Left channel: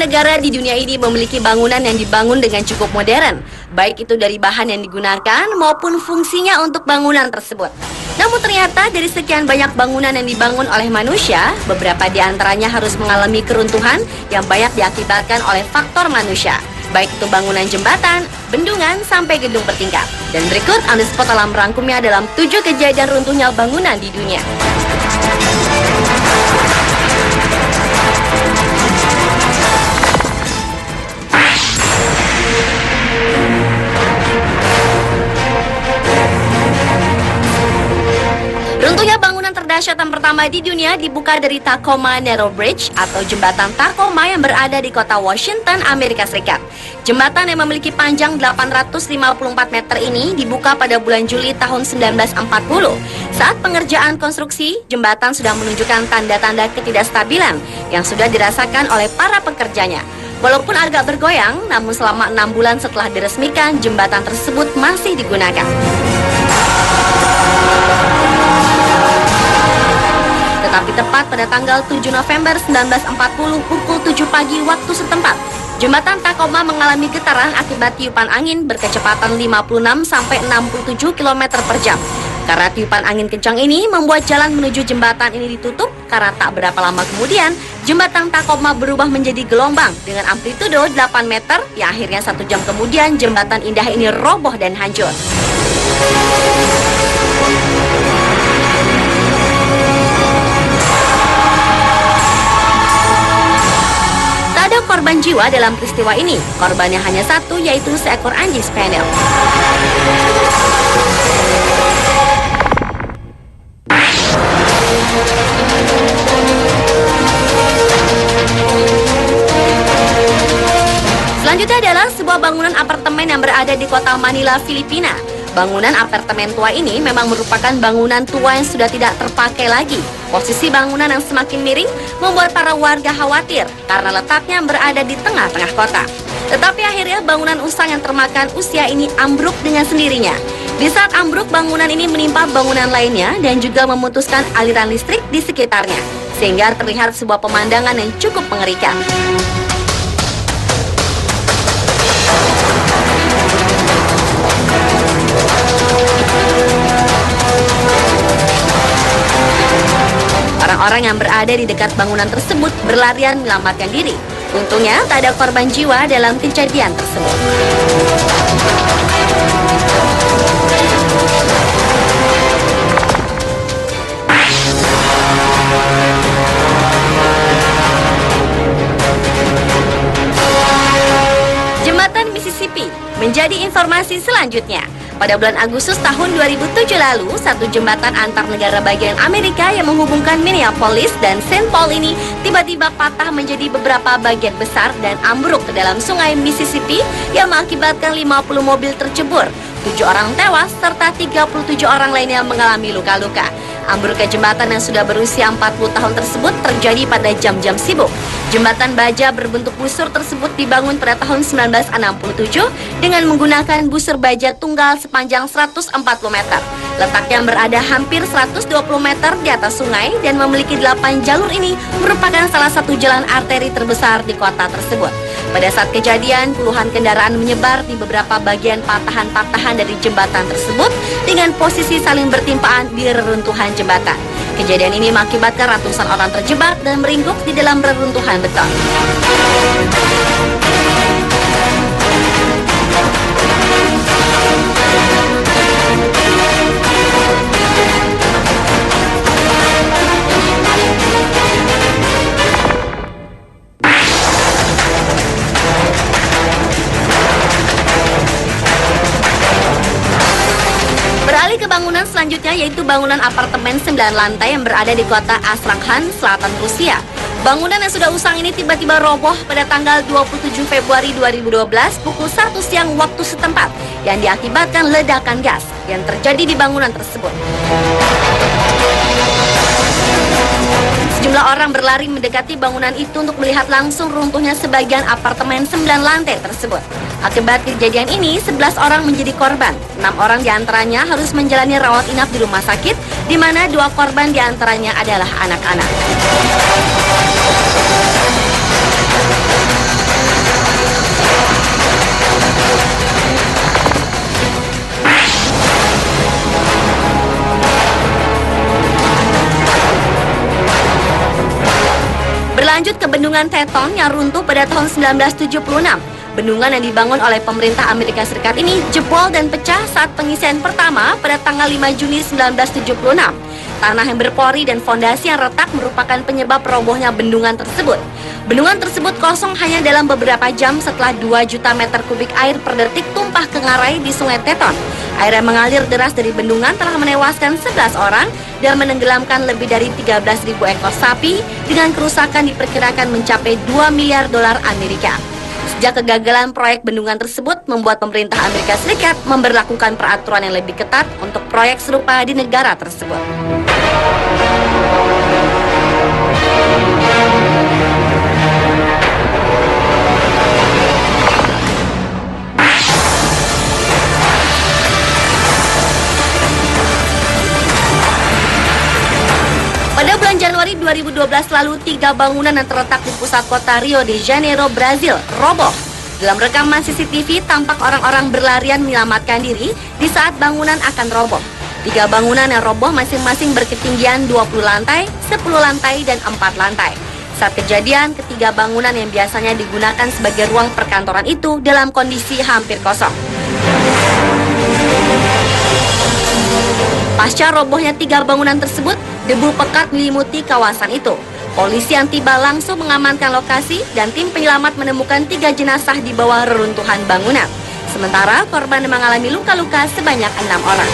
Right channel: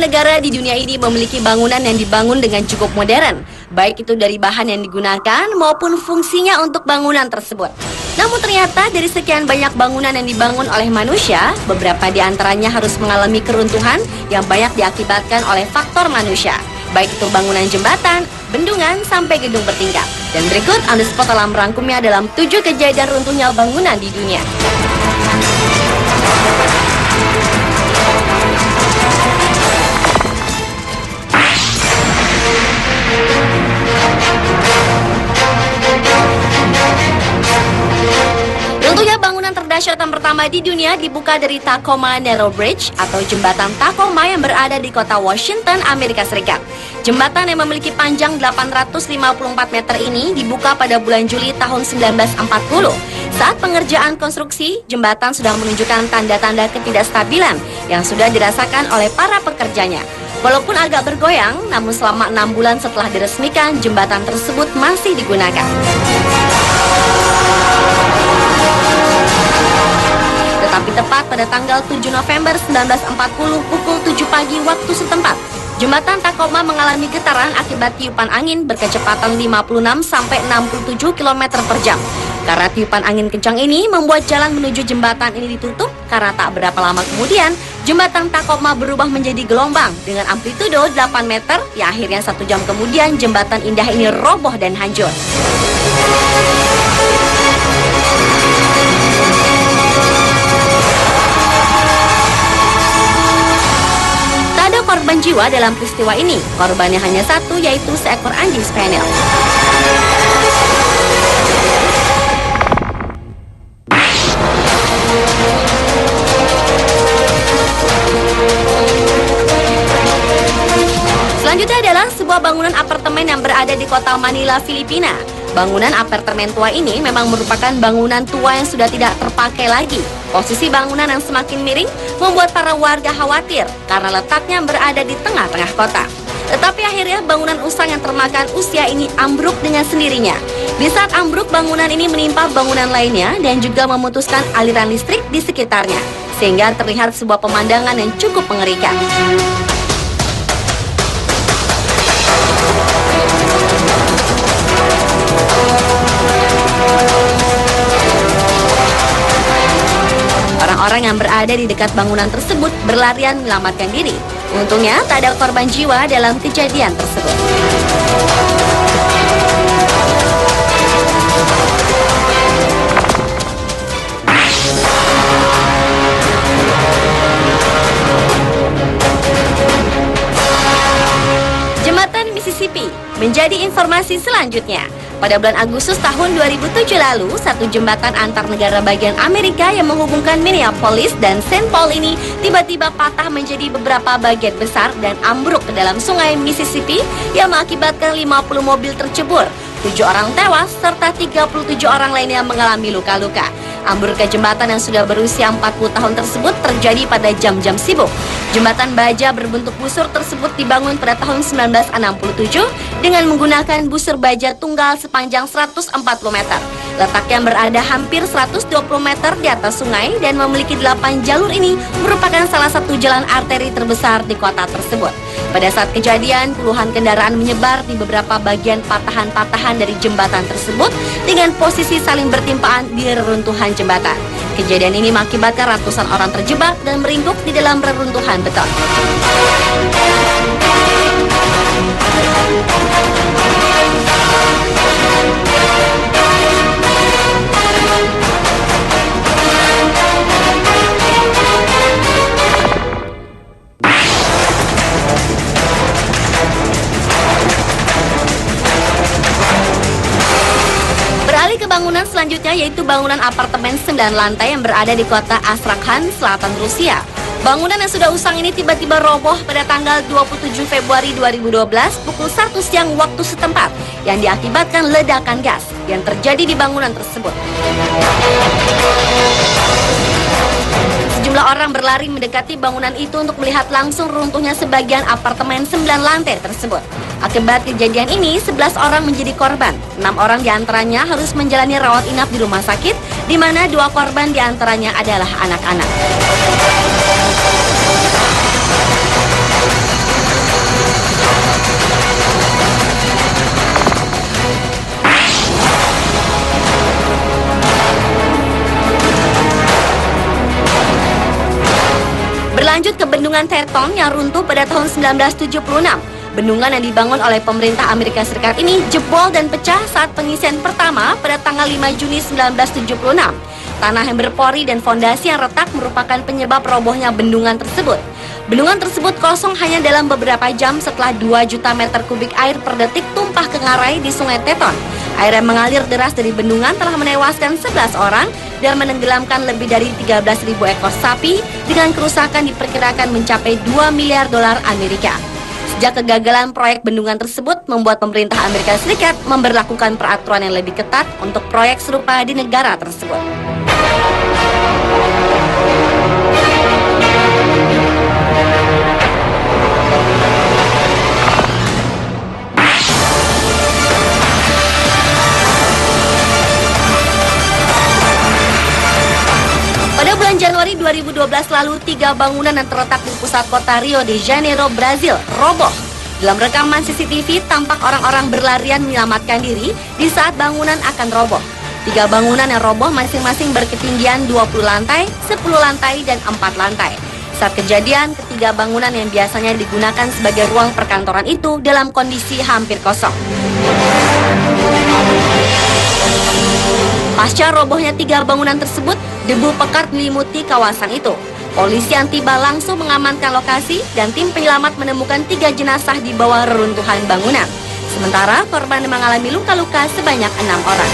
negara di dunia ini memiliki bangunan yang dibangun dengan cukup modern, baik itu dari bahan yang digunakan maupun fungsinya untuk bangunan tersebut. Namun ternyata dari sekian banyak bangunan yang dibangun oleh manusia, beberapa di antaranya harus mengalami keruntuhan yang banyak diakibatkan oleh faktor manusia, baik itu bangunan jembatan, bendungan, sampai gedung bertingkat. Dan berikut Anuspot telah merangkumnya dalam 7 kejadian runtuhnya bangunan di dunia. Runtuhnya bangunan terdahsyat yang pertama di dunia dibuka dari Tacoma Narrow Bridge atau jembatan Tacoma yang berada di kota Washington, Amerika Serikat. Jembatan yang memiliki panjang 854 meter ini dibuka pada bulan Juli tahun 1940. Saat pengerjaan konstruksi, jembatan sudah menunjukkan tanda-tanda ketidakstabilan yang sudah dirasakan oleh para pekerjanya. Walaupun agak bergoyang, namun selama 6 bulan setelah diresmikan, jembatan tersebut masih digunakan. Tetapi tepat pada tanggal 7 November 1940 pukul 7 pagi waktu setempat, jembatan Tacoma mengalami getaran akibat tiupan angin berkecepatan 56 sampai 67 km per jam. Karena tiupan angin kencang ini membuat jalan menuju jembatan ini ditutup, karena tak berapa lama kemudian jembatan Tacoma berubah menjadi gelombang dengan amplitudo 8 meter, yang akhirnya 1 jam kemudian jembatan indah ini roboh dan hancur. Korban jiwa dalam peristiwa ini. Korbannya hanya satu, yaitu seekor anjing spaniel. Selanjutnya adalah sebuah bangunan apartemen yang berada di kota Manila, Filipina. Bangunan apartemen tua ini memang merupakan bangunan tua yang sudah tidak terpakai lagi. Posisi bangunan yang semakin miring membuat para warga khawatir karena letaknya berada di tengah-tengah kota. Tetapi akhirnya bangunan usang yang termakan usia ini ambruk dengan sendirinya. Di saat ambruk, bangunan ini menimpa bangunan lainnya dan juga memutuskan aliran listrik di sekitarnya, sehingga terlihat sebuah pemandangan yang cukup mengerikan. Orang-orang yang berada di dekat bangunan tersebut berlarian menyelamatkan diri. Untungnya tak ada korban jiwa dalam kejadian tersebut. Jembatan Mississippi menjadi informasi selanjutnya. Pada bulan Agustus tahun 2007 lalu, satu jembatan antar negara bagian Amerika yang menghubungkan Minneapolis dan Saint Paul ini tiba-tiba patah menjadi beberapa bagian besar dan ambruk ke dalam sungai Mississippi yang mengakibatkan 50 mobil tercebur. 7 orang tewas serta 37 orang lainnya mengalami luka-luka. Ambruknya jembatan yang sudah berusia 40 tahun tersebut terjadi pada jam-jam sibuk. Jembatan baja berbentuk busur tersebut dibangun pada tahun 1967 dengan menggunakan busur baja tunggal sepanjang 140 meter. Letaknya berada hampir 120 meter di atas sungai dan memiliki 8 jalur. Ini merupakan salah satu jalan arteri terbesar di kota tersebut. Pada saat kejadian, puluhan kendaraan menyebar di beberapa bagian patahan-patahan dari jembatan tersebut dengan posisi saling bertimpaan di reruntuhan jembatan. Kejadian ini mengakibatkan ratusan orang terjebak dan meringkuk di dalam reruntuhan beton. Beralih ke bangunan selanjutnya, yaitu bangunan apartemen 9 lantai yang berada di kota Astrakhan, selatan Rusia. Bangunan yang sudah usang ini tiba-tiba roboh pada tanggal 27 Februari 2012 pukul 1 siang waktu setempat yang diakibatkan ledakan gas yang terjadi di bangunan tersebut. Sejumlah orang berlari mendekati bangunan itu untuk melihat langsung runtuhnya sebagian apartemen 9 lantai tersebut. Akibat kejadian ini, 11 orang menjadi korban. 6 orang diantaranya harus menjalani rawat inap di rumah sakit, di mana 2 korban diantaranya adalah anak-anak. Berlanjut ke Bendungan Teton yang runtuh pada tahun 1976. Bendungan yang dibangun oleh pemerintah Amerika Serikat ini jebol dan pecah saat pengisian pertama pada tanggal 5 Juni 1976. Tanah yang berpori dan fondasi yang retak merupakan penyebab robohnya bendungan tersebut. Bendungan tersebut kosong hanya dalam beberapa jam setelah 2 juta meter kubik air per detik tumpah ke ngarai di Sungai Teton. Air yang mengalir deras dari bendungan telah menewaskan 11 orang dan menenggelamkan lebih dari 13.000 ekor sapi dengan kerusakan diperkirakan mencapai 2 miliar dolar Amerika. Sejak kegagalan proyek bendungan tersebut membuat pemerintah Amerika Serikat memberlakukan peraturan yang lebih ketat untuk proyek serupa di negara tersebut. Pada bulan Januari 2012 lalu, 3 bangunan yang terletak di pusat kota Rio de Janeiro, Brazil, roboh. Dalam rekaman CCTV, tampak orang-orang berlarian menyelamatkan diri di saat bangunan akan roboh. 3 bangunan yang roboh masing-masing berketinggian 20 lantai, 10 lantai, dan 4 lantai. Saat kejadian, ketiga bangunan yang biasanya digunakan sebagai ruang perkantoran itu dalam kondisi hampir kosong. Pasca robohnya 3 bangunan tersebut, debu pekat menyelimuti kawasan itu. Polisi yang tiba langsung mengamankan lokasi dan tim penyelamat menemukan 3 jenazah di bawah reruntuhan bangunan. Sementara korban mengalami luka-luka sebanyak 6 orang.